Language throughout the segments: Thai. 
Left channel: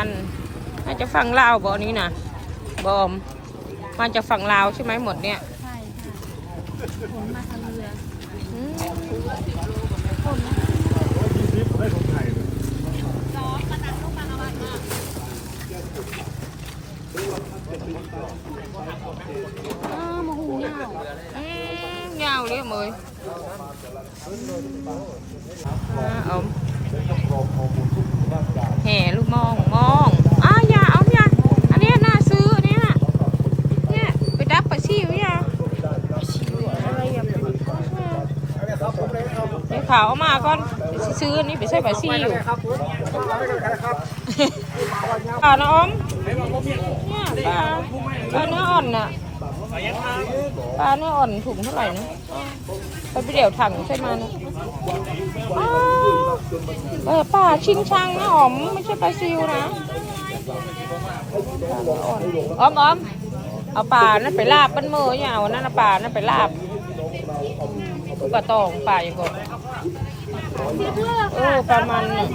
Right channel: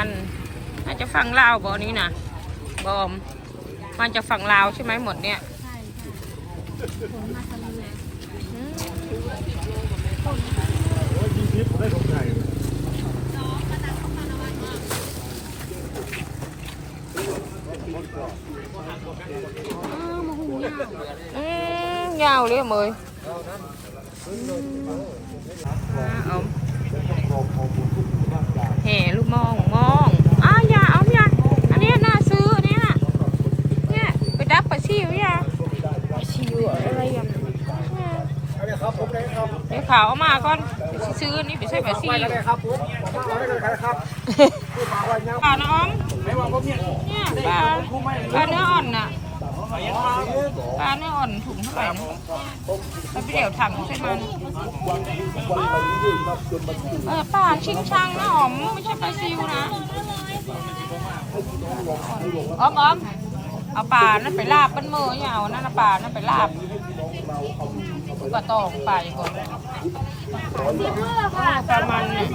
พันน่าจะฝั่งลาวบ่อนี้นะบอมมันจะฝั่งลาวใช่ไหมหมดเนี่ยอืมร้อยยี่สิบได้ของไทยอืมยาวเลยเมยอ่าเอาแห่ลูกมองมองอ้าวอย่าเอาอย่าอันนี้น่าซื้ออันนี้น่ะเนี่ยไปดับปลาชิวอย่า ครับผมเลยครับ เดี๋ยว ขาวเอามาก่อนซื้ออันนี้ไปใช่ปลาชิวครับผมเอาไปกันครับปลาน้อมเนี่ยปลาปลาเนื้ออ่อนน่ะปลาเนื้ออ่อนถุงเท่าไหร่นะไปไปเดี๋ยวถังใช่ไหมเออปลาชิงช่างนะหอมไม่ใช่ปลาซิวนะอ้อมอ้อมเอาปลานั่นไปลาบกันมือเนี่ยเอานั่นนะปลานั่นไปลาบกระตองปลาอย่างเงี้ย สิบมือ้ปลามันเนี่ย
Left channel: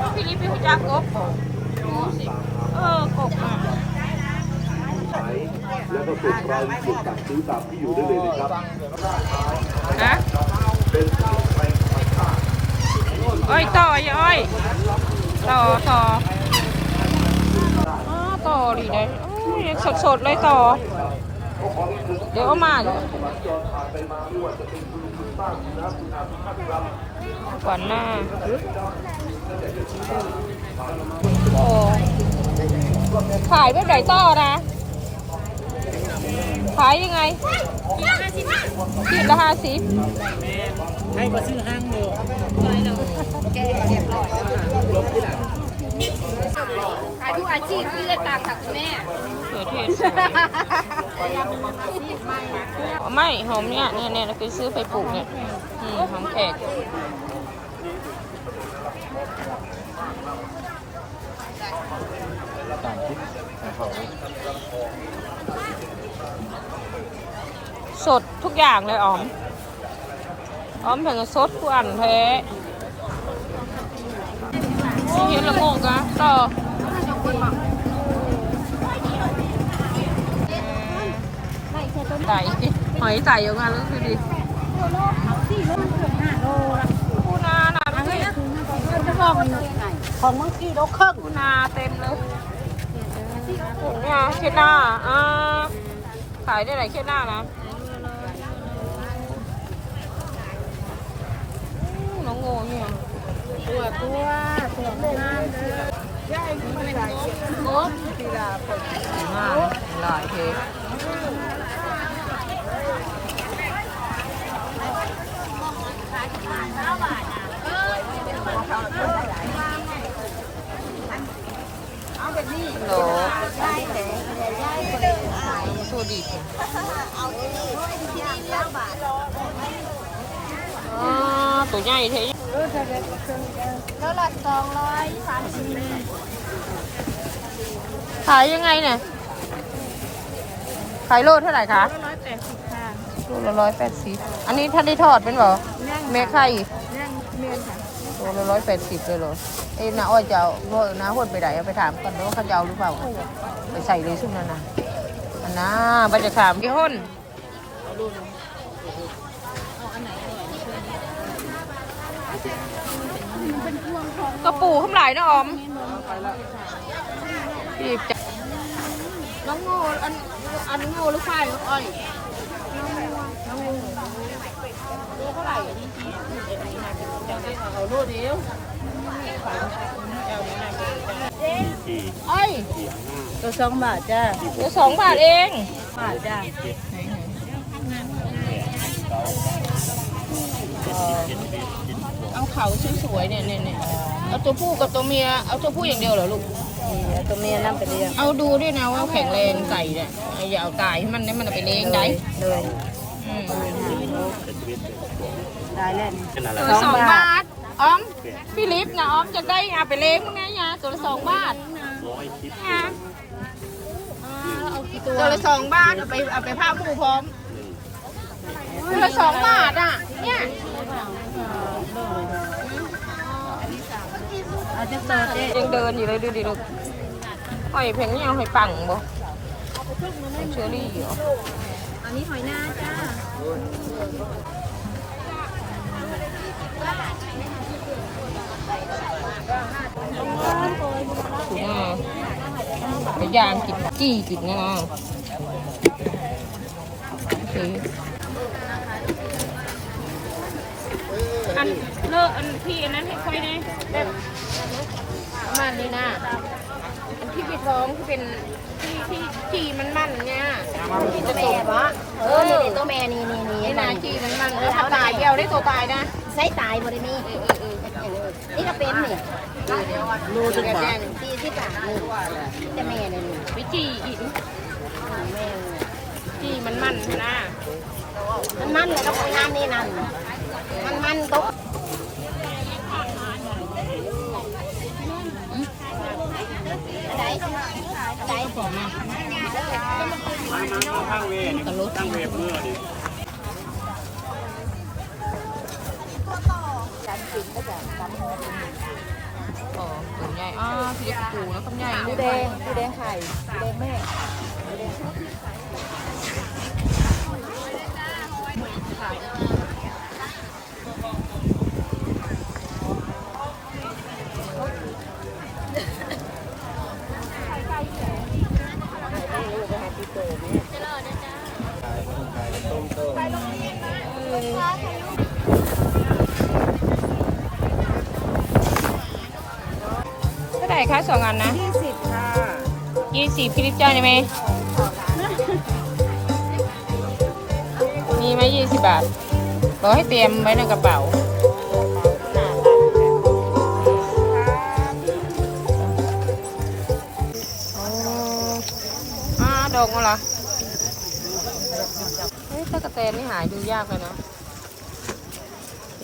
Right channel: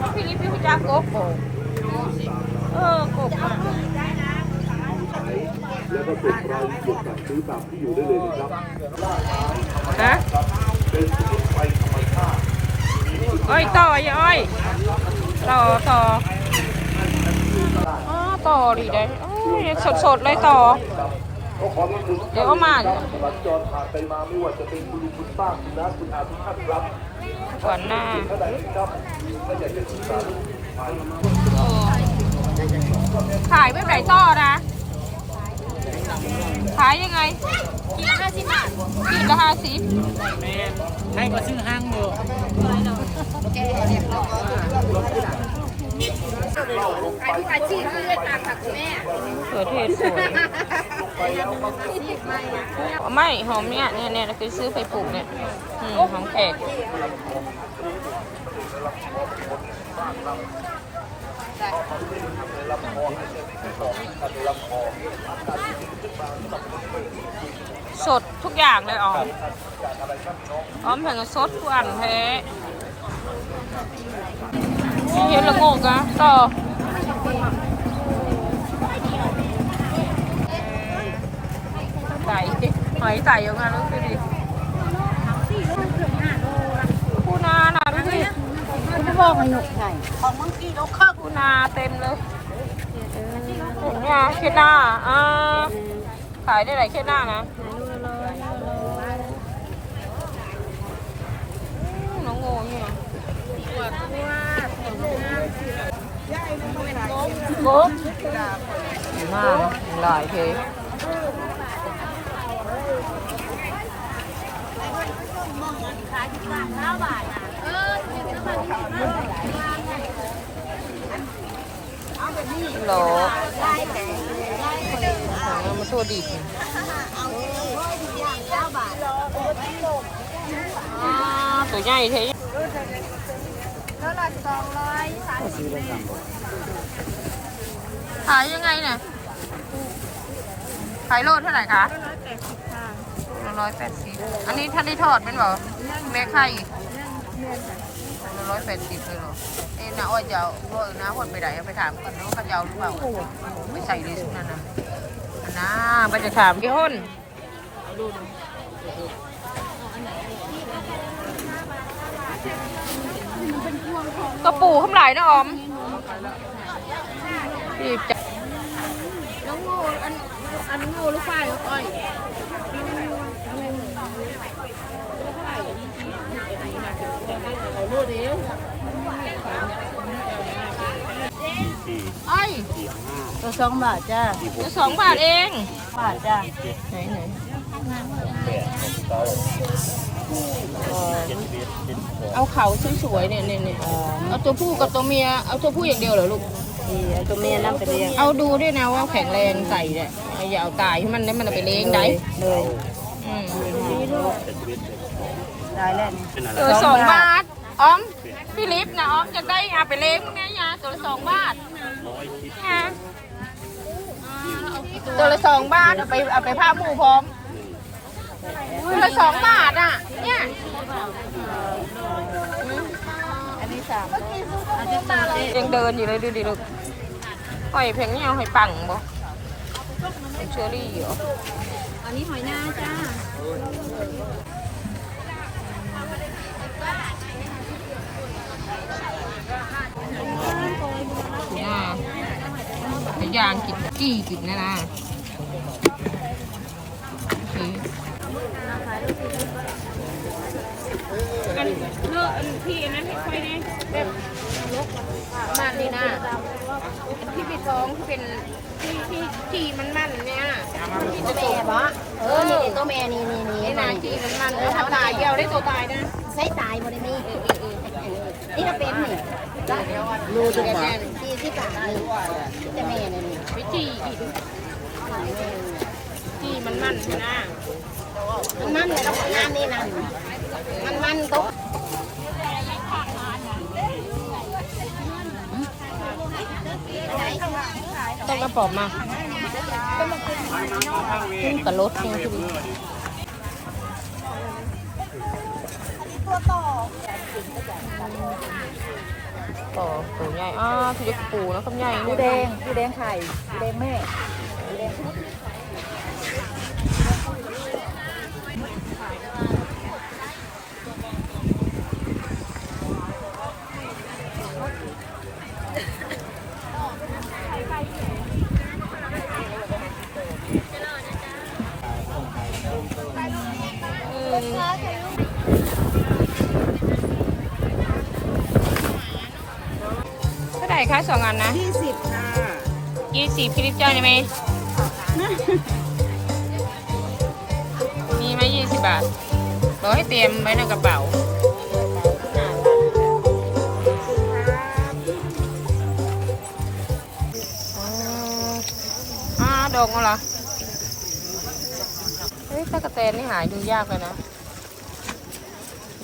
ว่าพี่ลิปพี่ผู้จักกบโบเออกบแล้วก็ส่งรายละเอียดสั่งซื้อตามที่อยู่ได้เลยนะครับฮะอ้อยต่ออย่าอ้อยต่อต่ออ้าต่อดีเลยโอ้ยสดสดเลยต่อ เดี๋ยวเอามาเดี๋ยวก่อนหน้าโอ้ขายแบบไหนต่อนะขายยังไงขีดละห้าสิบขีดละห้าสิบให้มาซื้อห้างมืออายุอาชีพที่เลือกตามค่ะคุณแม่เขือเทศสวย ไม่หอมเนี่ยเนี่ยเนี่ยเราไปซื้อไปปลูกเนี่ยหอมแขกสดทุกอย่างเลยอ๋อมอ๋อมถึงกับสดกวนแท้เห็นละโงกะต่อ ใส่หอยใส่ออกมาแล้วคือดิปูนาหนาดูดิของมังกี้เราเครื่องปูนาเต็มเลยเนี่ยเช็ดหน้าอ่าขายได้หลายเช็ดหน้านะอืมน้องโง่เนี่ยโอ้ดีมา กนะหลายเทโหลเอามาสู้ดิบอ๋อตัวใหญ่เท่แล้วละสองร้อยสามสิบขายยังไงเนี่ยขายโลเท่าไหร่คะร้อยแปดสิบค่ะโลละร้อยแปดสิบอันนี้ท่านได้ทอดเป็นหรอเมฆไข่ เรื่องเมียนค่ะโลละร้อยแปดสิบเลยเหรอ เอ็มนะอ้อยจะเอาโลนะหดไปไหนเอาไปถามกันว่าเขาจะเอาหรือเปล่าไปใส่เลยช่วงนั้นนะอันน่าไปจะถามกี่คนเป็นพวงทองกระปูข้ามหลายนะออมพี่จะน้องงูอันอันงูหรือควายอ้อยน้องงูน้องงูตัว เท่าไหร่เอาลูกเดียวไอ้ยตัวสองบาทจ้าเดี๋ยวสองบาทเอง บาทจ้าไหนไหนเอาเขาสวยๆเนี่ยเนี่ยเนี่ยเอาตัวผู้กับตัวเมีย เอาตัวผู้อย่างเดียวเหรอลูกตัวเมียน้ำเป็นเลี้ยง เอาดูด้วยนะว่าแข็งแรงใส่เนี่ยอย่าเอาตายให้มันได้มันไปเลี้ยงได้เลยอืม ได้แล้วตัวละสองบาทอ้อมพี่ลิฟต์นะอ้อมจะได้เอาไปเลี้ยงนะยาตัวละสองบาทยาตัวละสองบาทเอาไปเอาไปผ้าหมูพร้อมตัวละสองบาทอะเนี่ยอาจจะเติมเองยังเดินอยู่เลยดูดิลูกหอยเพลงนี่เอาให้ปังบ่เป็นเชอรี่เหรอ อันนี้หอยนาจ้าถูกอะไปย่างกินจี้กินเนี่ยนะโอเคอันเลิกอันพี่อันนั้นให้ค่อยแน่เด็ดประมาณนี้นะอันที่ไปท้องที่เป็น ที่ที่ที่มันมันเนี่ยตัวแม่ปะเออนี่ตัวแม่นี่นี่นี่ไอ้นานี่จีมันมันเออเขาตายเดียวได้ตัวตายนะใส่ตายหมดเลยนี่นี่ก็เป็นนี่รู้จังหวะที่ที่ปากนี่จะแม่เลยนี่ไปจีอีกแม่จีมันมันนะมันมันเลยกับงานนี่นั่นมันมันตก ต้องกระป๋อมมาข้างเวรกระลดข้งเวรเมื่อต่อตัวใหญ่อ่าพี่เล็กปูนะคำใหญ่ดูแดงดูแดงไข่ดูแดงแม่ดูแดง คะสองอันนะยี่สิบค่ะยี่สิบพี่ลิปจ้างใช่ไหมมีไหมยี่สิบบาทเราให้เตรียมไว้ในกระเป๋าอ๋ออ่าดองเหรอเฮ้ยตะกะแตนนี่หายดูยากเลยนะ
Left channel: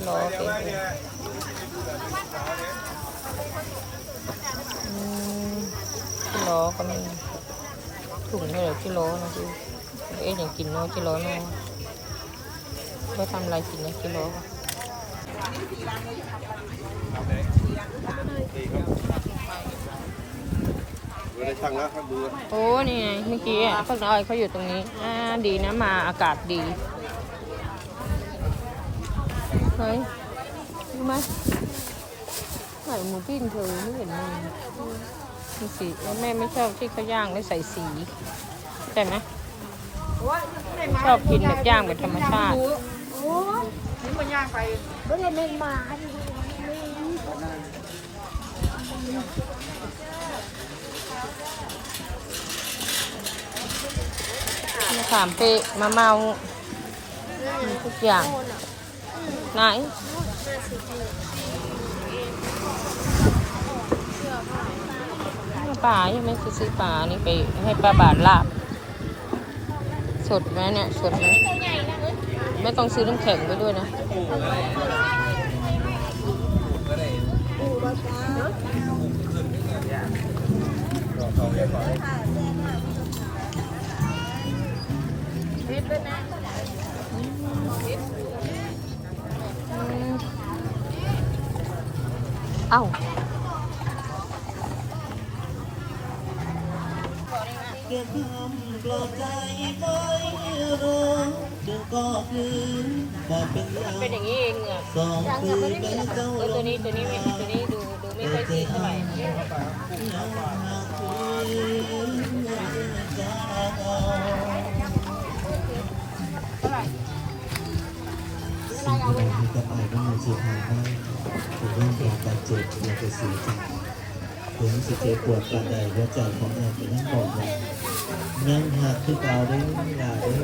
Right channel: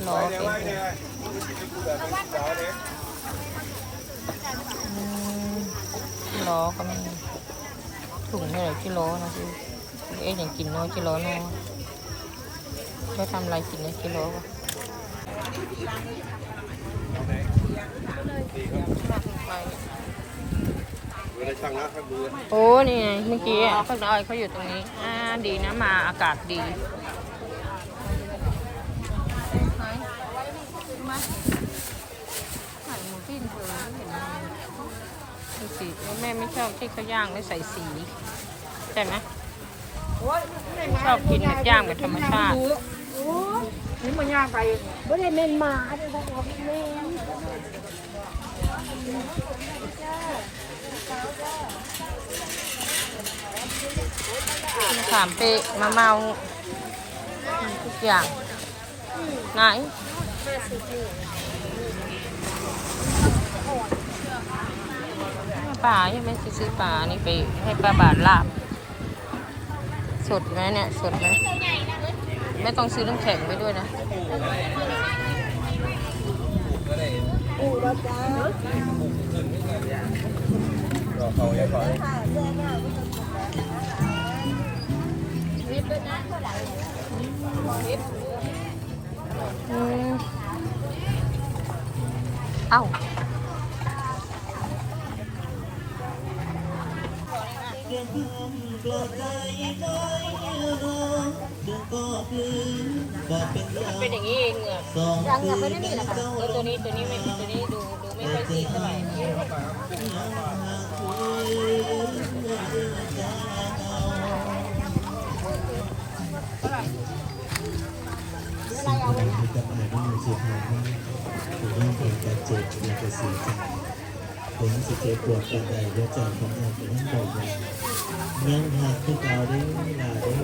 รอเป็นอืม กิโลก็มีถุงนี่เลยกิโลนะพี่เอ๊ะอย่างกินเนาะกิโลเนาะก็ทำอะไรกินเนี่ยกิโลก็โอ้นี่ไงเมื่อกี้อะข้าวซอยเขาอยู่ตรงนี้ อ่า ดีนะมาอากาศดีเฮ้ยดูไหม ไหนหมูปิ้งเธอไม่เห็นมีมีสีแล้วแม่ไม่ชอบที่เขาย่างแล้วใส่สีใช่ไหมชอบกินแบบย่างแบบธรรมชาติไม่ได้เล่นมามะขามเปะมะเมามีทุกอย่างไหน ป่ายังไหม่ซื้อป่านี่ไปให้ป้าบาทลาบ สดไหมเนี่ยสดไหมไม่ต้องซื้อน้ำแข็งไปด้วยนะอืมเอ้า ยังยังไม่ได้มีนะคะตัวนี้ตัวนี้ตัวนี้ดูดูไม่ค่อยสีเท่าไหร่เท่าไหร่สิ่งที่เราที่กระเป๋าก็มีที่ทางให้ถึงเรื่องการบาดเจ็บอยากจะเสียใจผมสิเจ็บปวดกระใดหัวใจของแอนเป็นยังบอกว่ายังหักที่เก่าด้อลาด้อ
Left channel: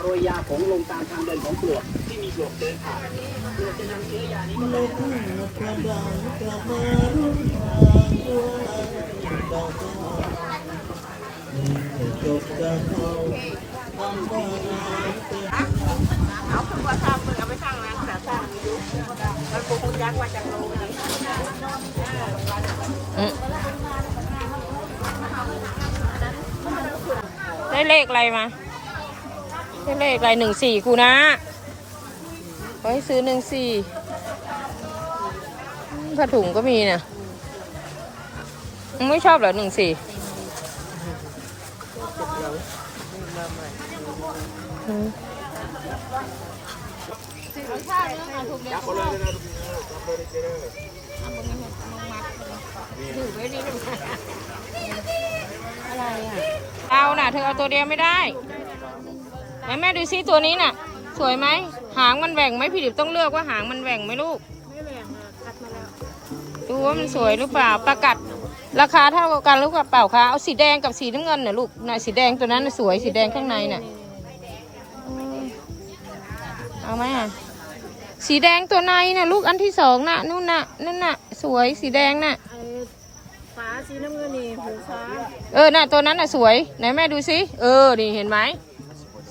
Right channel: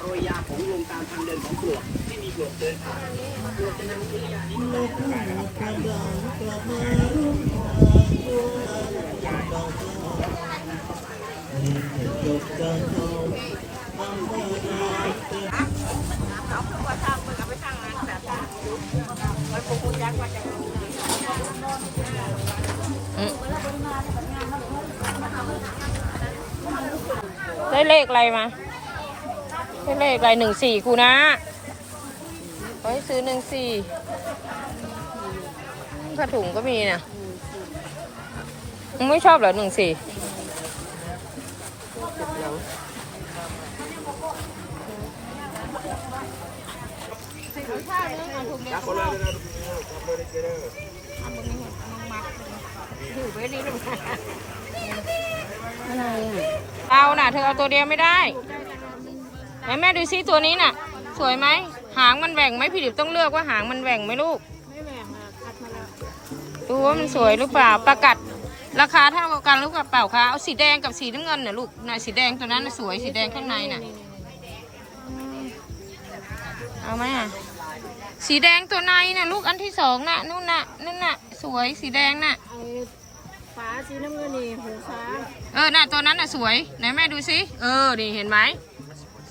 โรยยาของลงตามทางเดินของปลวกที่มีปลวกเดินผ่านเพื่อจะนำเชื้อยานี้โลกทั้งหมดความดังกลับมารุ่งทางด้วยเราก็ให้จบกันเอาคำว่าเราเป็นอืมได้ ได้เลขอะไรมา ได้เลขอะไรหนึ่งสี่กูนะขอให้ซื้อหนึ่งสี่ผ้าถุงก็มีนะมึงไม่ชอบเหรอหนึ่งสี่อืมข้าวเนื้อเอาถุงเดียวก็พอเอามึงมึงมัดถือไว้นี่ไม เอาน่ะ เธอเอาตัวเดียวไม่ได้ไหนแม่ดูซิตัวนี้น่ะ สวยไหม หางมันแหว่งไหมพี่ดิบต้องเลือกว่าหางมันแหว่งไหมลูก ไม่แหวงอะคัดมาแล้ว ดูว่ามันสวยหรือเปล่า ประกัด ราคาเท่ากันหรือเปล่าคะเอาสีแดงกับสีน้ำเงินน่ะลูกน่ะสีแดงตัวนั้นสวยสีแดงข้างในน่ะ เอาไหมอะ สีแดงตัวในน่ะ ลูกอันที่สองน่ะนู่นน่ะนู่นน่ะ สวยสีแดงน่ะ ฟ้าสีน้ำเงินนี่หูฟ้าเออน่ะตัวนั้นน่ะสวยไหนแม่ดูสิเออนี่เห็นไหม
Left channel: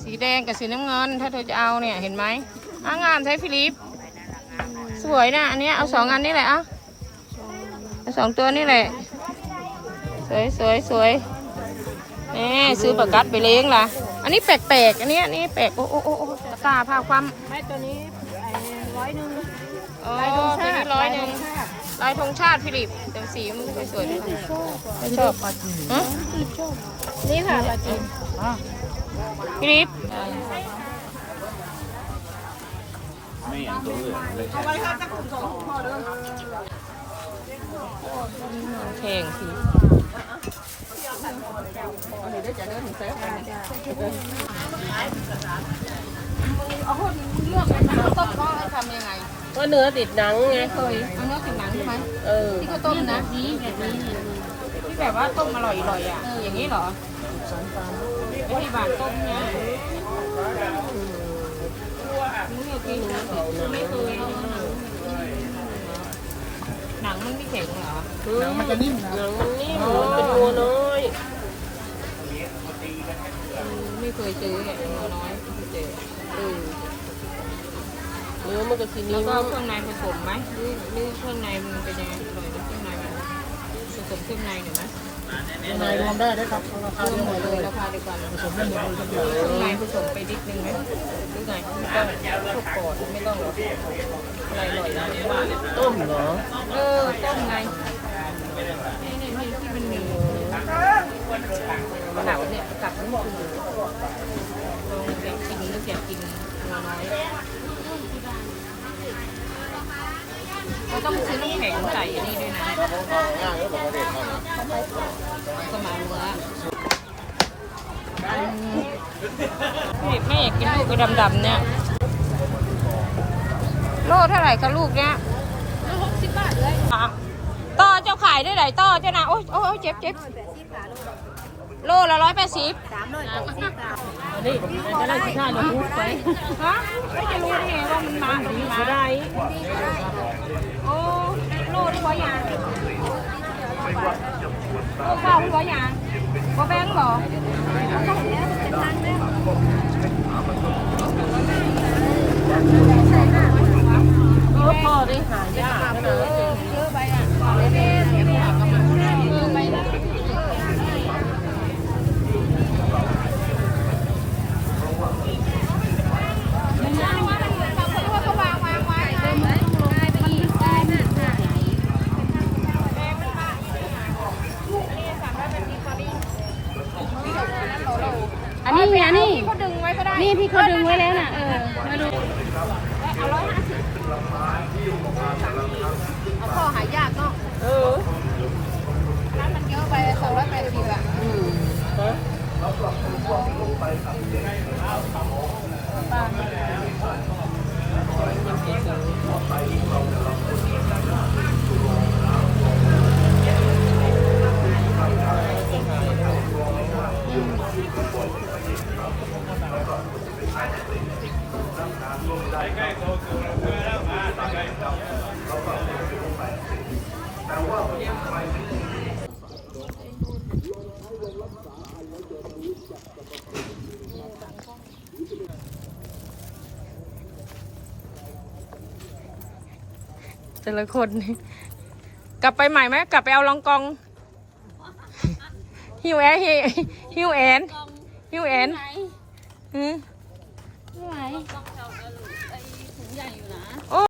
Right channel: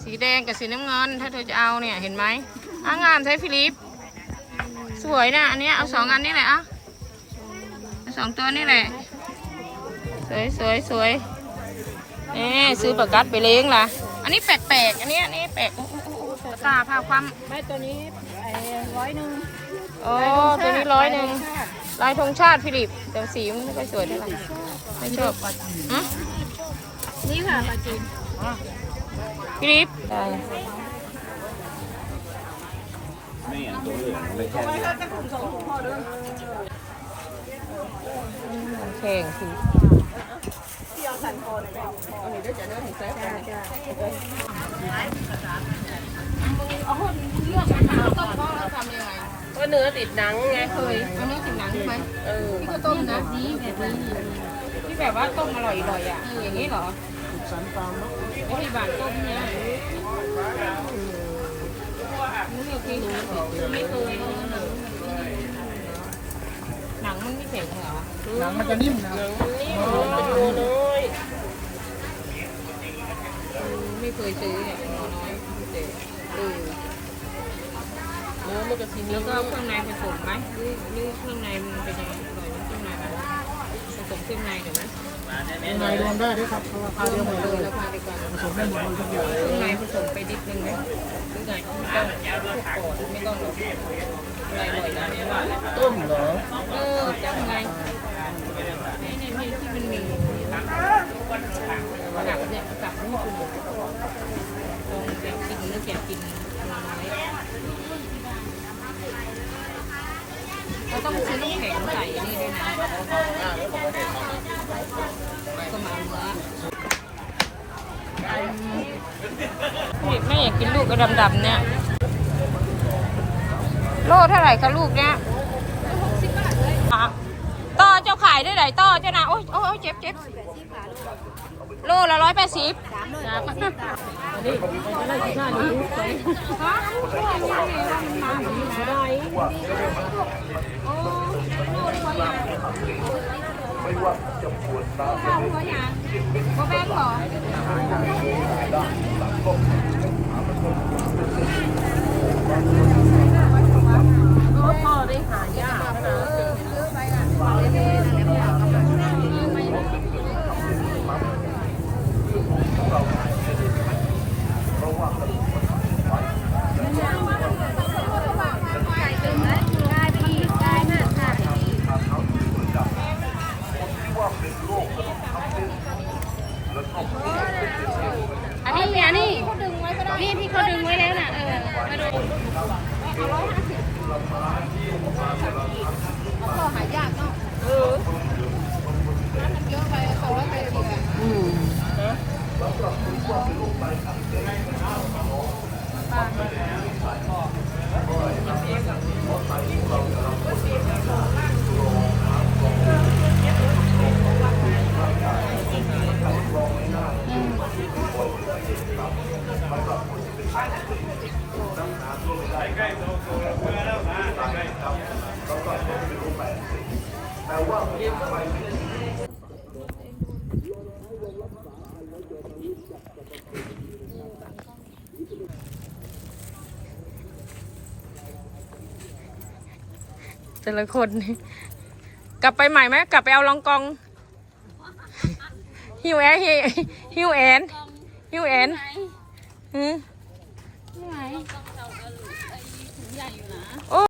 สีแดงกับสีน้ำเงิน ถ้าเธอจะเอาเนี่ยเห็นไหมอะงามใช้ฟิลิป สวยนะอันเนี้ยเอาสองอันนี้แหละอะเอาสองตัวนี่แหละสวยสวยสวยเอ๊ซื้อประกัดไปเลี้ยงล่ะ อันนี้แปลกๆอันนี้อันนี้แปลกโอ้โอ้โอ้โอ้ตะกร้าผ้าความแม่ตัวนี้ไอ้ร้อยหนึ่งอ๋อตัวนี้ร้อยหนึ่ง ลายธงชาติฟิลิปแต่สีมันไม่ค่อยสวยเท่าไหร่ไม่ชอบฮะนี่ค่ะปลาจีนฟิลิปได้ไม่อย่างตัวเลืองเลยแค่แข่งคือก็ เนื้อติดหนังไงเคยเอาเนื้อติดหนังใช่ไหมเออที่เขาต้มนะนี่แบบนี้ที่แบบว่าต้มอร่อยๆอะเอออย่างนี้เหรอสันตามแล้วที่บานต้มเนี่ยไม่เคยไม่เคยหนังมันไม่แข็งเหรอหนังมันจะนิ่มนะนี่มันเป็นตัวน้อยไม่เคยซื้อเนี่ยน้อยไม่เคยเจอเออ เนื้อมันก็สีแล้นี้วก็เครื่องในผสมไหมหรือหรือเครื่องในมันเป็นยังไงอร่อยไหมเครื่องในมันผสมเครื่องในหรือไหมยังไงรวมได้ด้วยครับราคาเดียวหมดเลยราคาเดียวกันผสมได้หมดเลยทุกอย่างเครื่องในผสมไปนิดนึงไหมหรือไงไม่ต้องพวกก่อนไม่ต้องหรอกอะไรอร่อยนะเนี่ยว่าต้มเหรอเออต้มไงนี่นี่นี่ที่มันมีกลับเนี่ยกลับนี่คุณลองอยากกินหรืออยากกินตัวน้อย ต้องซื้อน้ำแข็งใส่อันนี้ด้วยนะก็มาเนื้ออืมแม่อยากกินลูกกระดำๆเนี่ย โลเท่าไหร่คะลูกเนี่ยต่อเจ้าขายได้ไหนต่อเจ้านะโอ้ยโอ้ยเจ็บเจ็บโลละร้อยแปดสิบสามร้อยแปดสิบบาท นี่ก็ได้ที่ท่าหนูไปฮะไม่จะรู้ได้ไงว่ามันมาอย่าได้โอ้โลได้บ่ยังโลข้าวได้บ่ยังบ่แบงค์เหรอลูกพ่อดิหายา by แต่ละคนนี่กลับไปใหม่ไหมกลับไปเอาลองกองฮิวแอนฮิวแอนยูเอ็นหืมนี่ไงโอ้